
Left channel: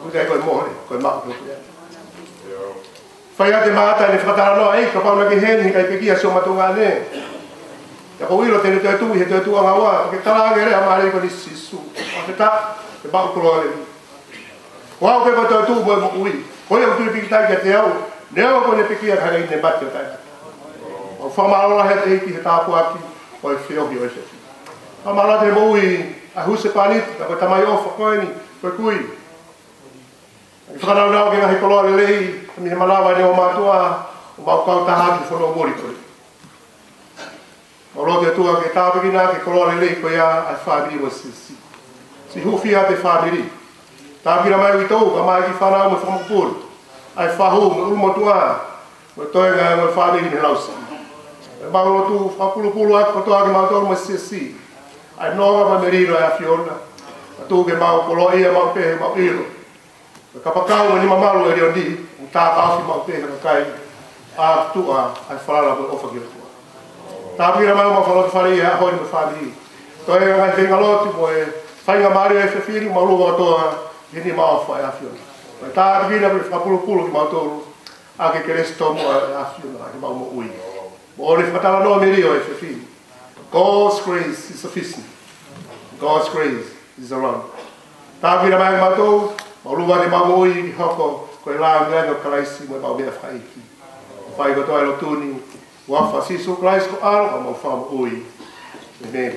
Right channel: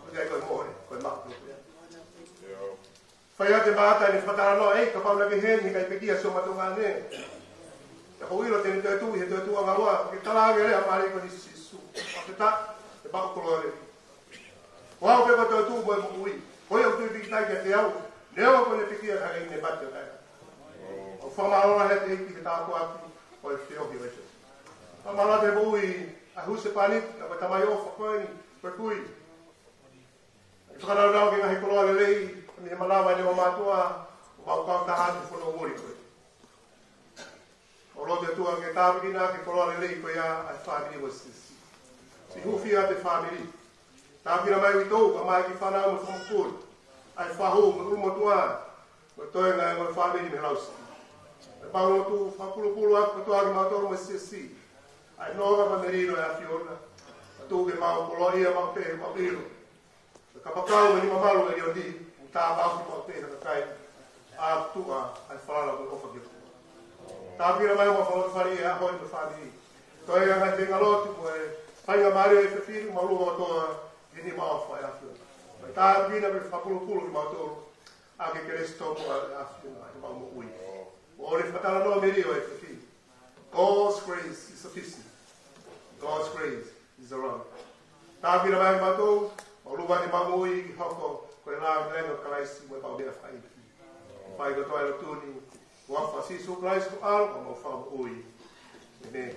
o dai ko mo ko ma ko fa ia de mata ni fata no ai ka pa na ke hen ni kai pe ki so ma tu nga ne ya ko ilo te tu he tu nga wa ke tala ge re amare ko ni sisu o ta ke ba ko lo le wa ke ba tu mo mo ui ko ia tu pi ta ke te au ne ko ne pe ki ka ga ne ba te ta o fa ma ro he te ki ta ko aki o e fio hi o se fa ma ro te mo ui a huse panit ka ko tamai o fa ko ni ko kui fa na na ke na he ko lo le mi me malava ne o matua o ba ka ta ha ki fo no mori ko o lo te tua ke ta pe na ke ko lo le ko ya a fa bi mo si hu fia te fa bi ta ki na mai ki to ka mai ki fa na mo fo mo pur ai fa hu mo mo tua mo to ga mo fa bi ni lausa ba lo tu fa pulu a ko to ga ma to mo si ai no ga merino a fiona tu ke ma ko lo ia ma pe ma ilo ka pakau ni mamalu e riondi ta ka fi ma pe ka kai a tu a ai fala bo ofa ki ta mira ma ma fala fari a ho ni fali to e ga te ngalo tu e fai ga mari e fefiri ma lu to ni ma fa a fiona ta mira pe fa pulu ki ma to a ke cresto mo a fiona ma mo ui bo ri fatala no merio e fefiri God's grace is sufficient. God's grace is around. Ta mira ma to Maluwa de mamoi hoko ko la nga no Christ mo ba be fai ki. Fai go to ai lo tuni. Wa fa si so Christ ko al mo fa mo oi. Amen.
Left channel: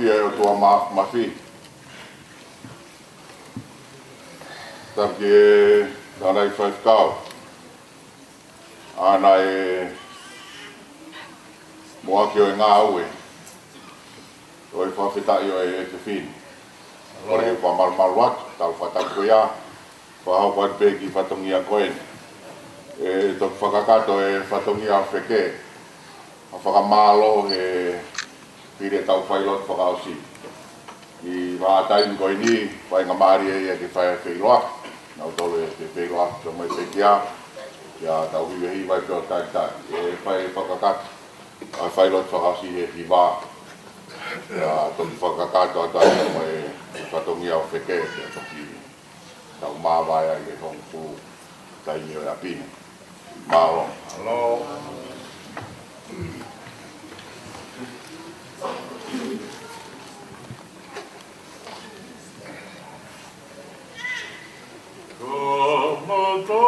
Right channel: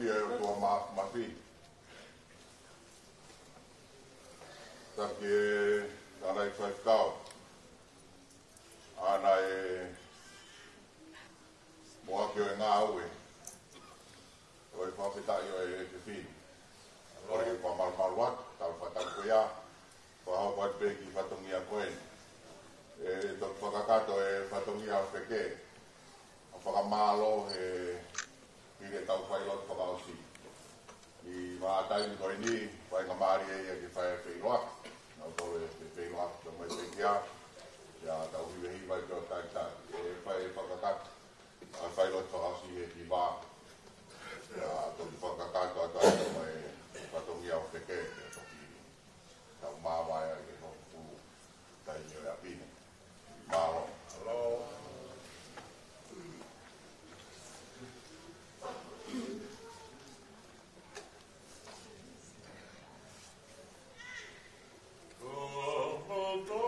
kia o tua mafi. Taki e nana I whaifkau. Ana e moa ki o e ngā aue. O e whawhitai o e te whini. Ore e whamarmaru atu, tau whataku ia. Whahau whai pēki whatongi a koen. E toku whakakato e whatongi a wheke. A whakamālo e pire tau whailot whakaosi. I whātaini koe ni, whai ngā maari e ke whai whailoa. Nau tolu e te whailoa, so mai pēki a. Ia tau hiwehi vai pio tai tai. E whai whakakato. A whailot whakaosi e hi wā. Ia toku whakakato a tai mai whatongi a wheke. Ia toki tau māwai ai e hongpu tai nio e apine. Mālo. Hello. Oh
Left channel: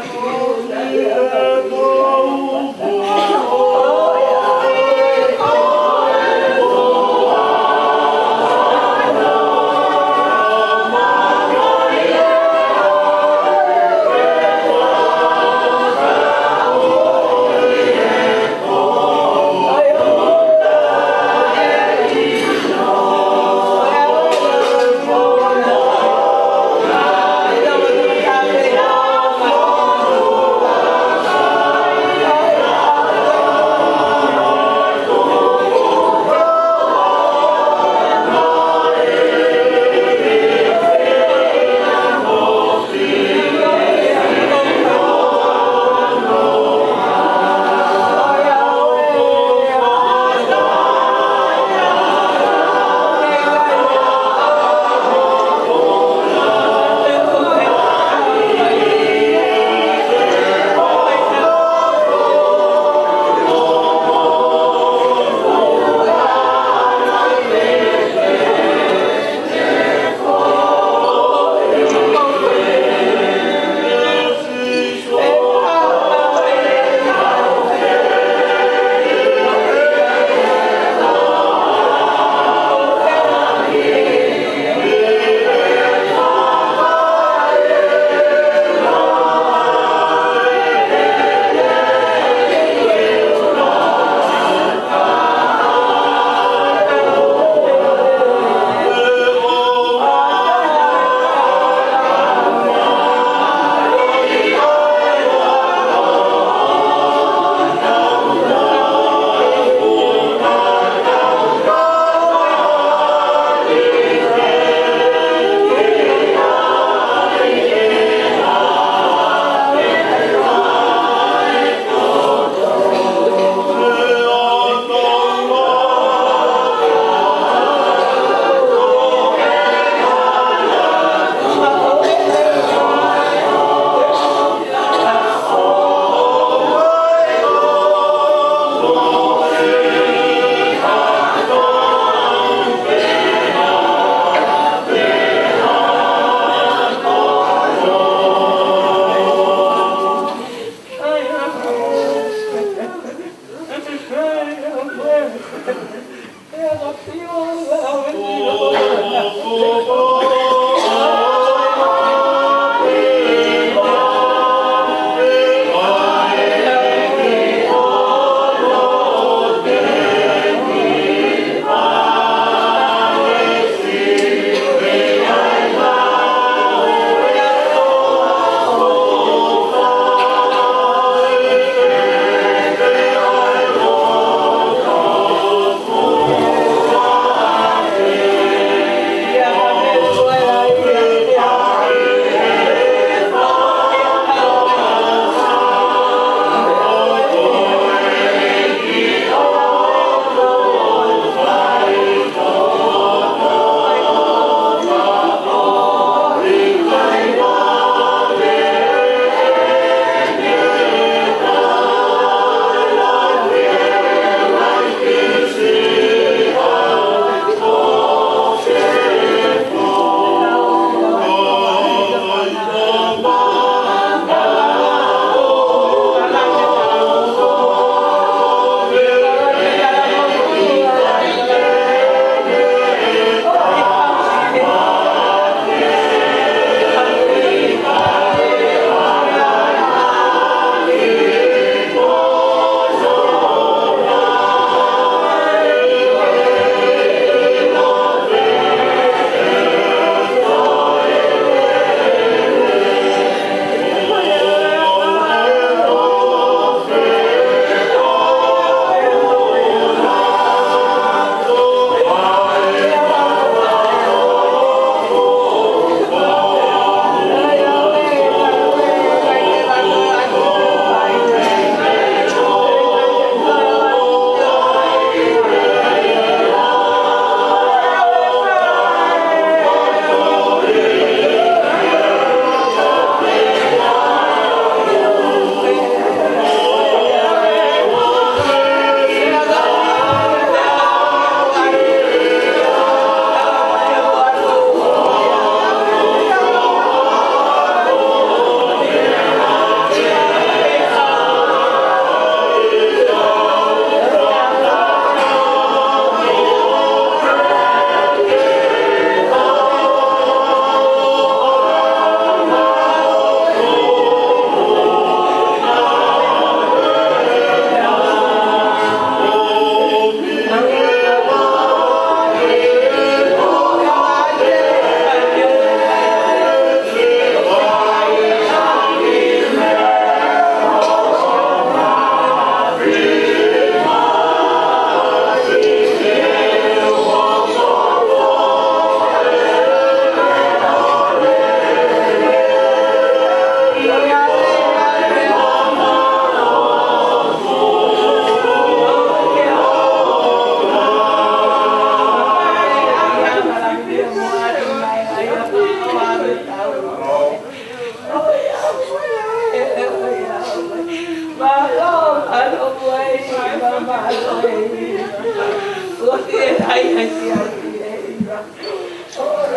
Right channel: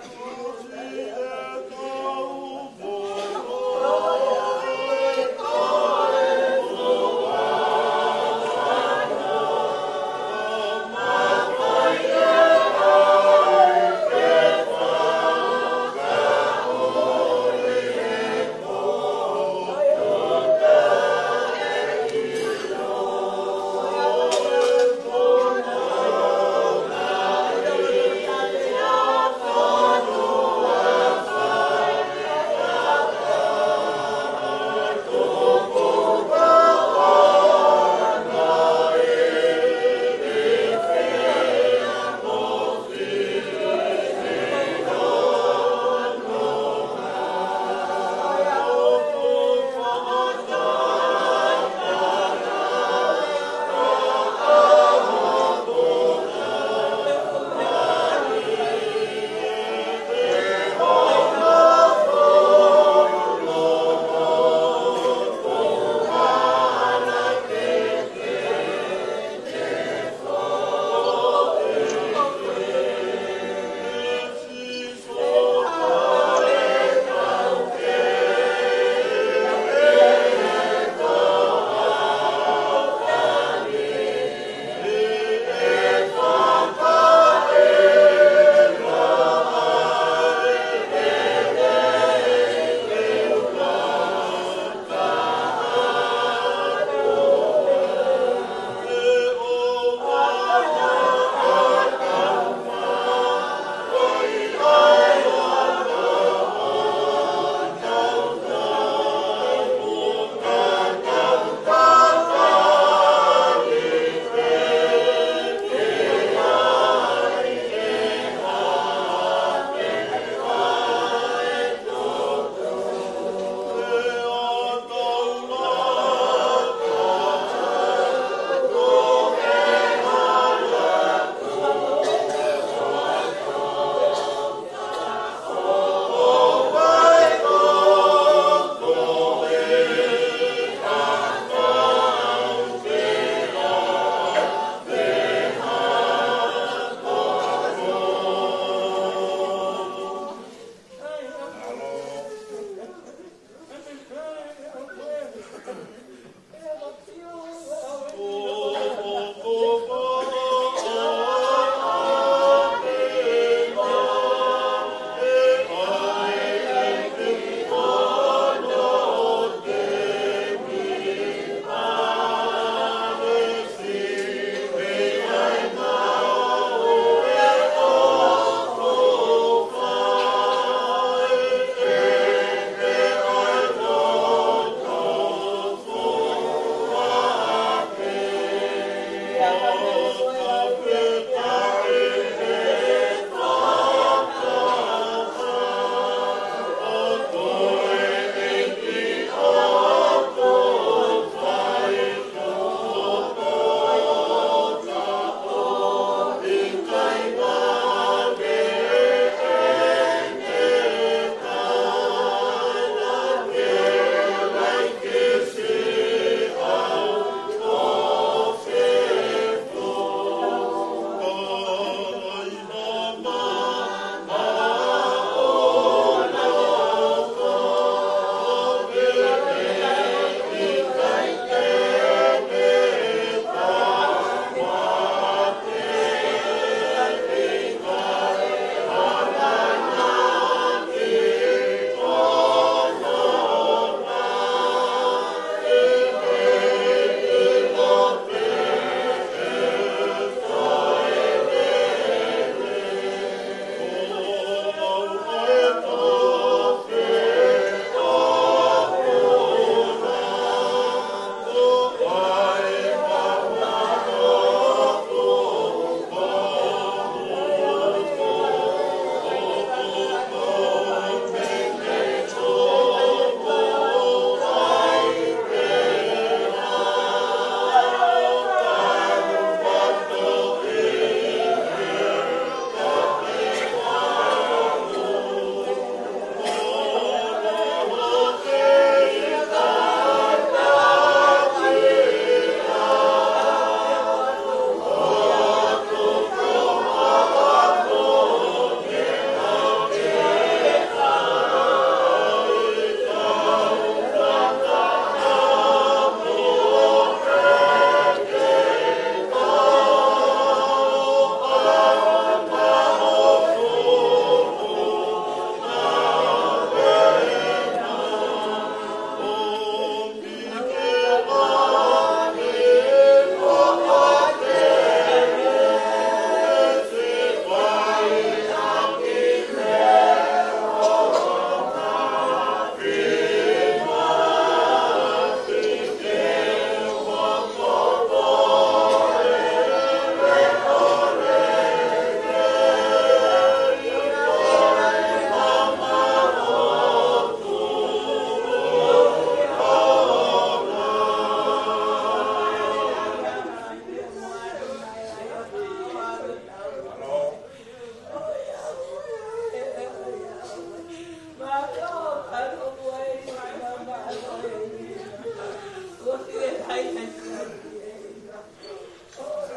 Oh, Thank you.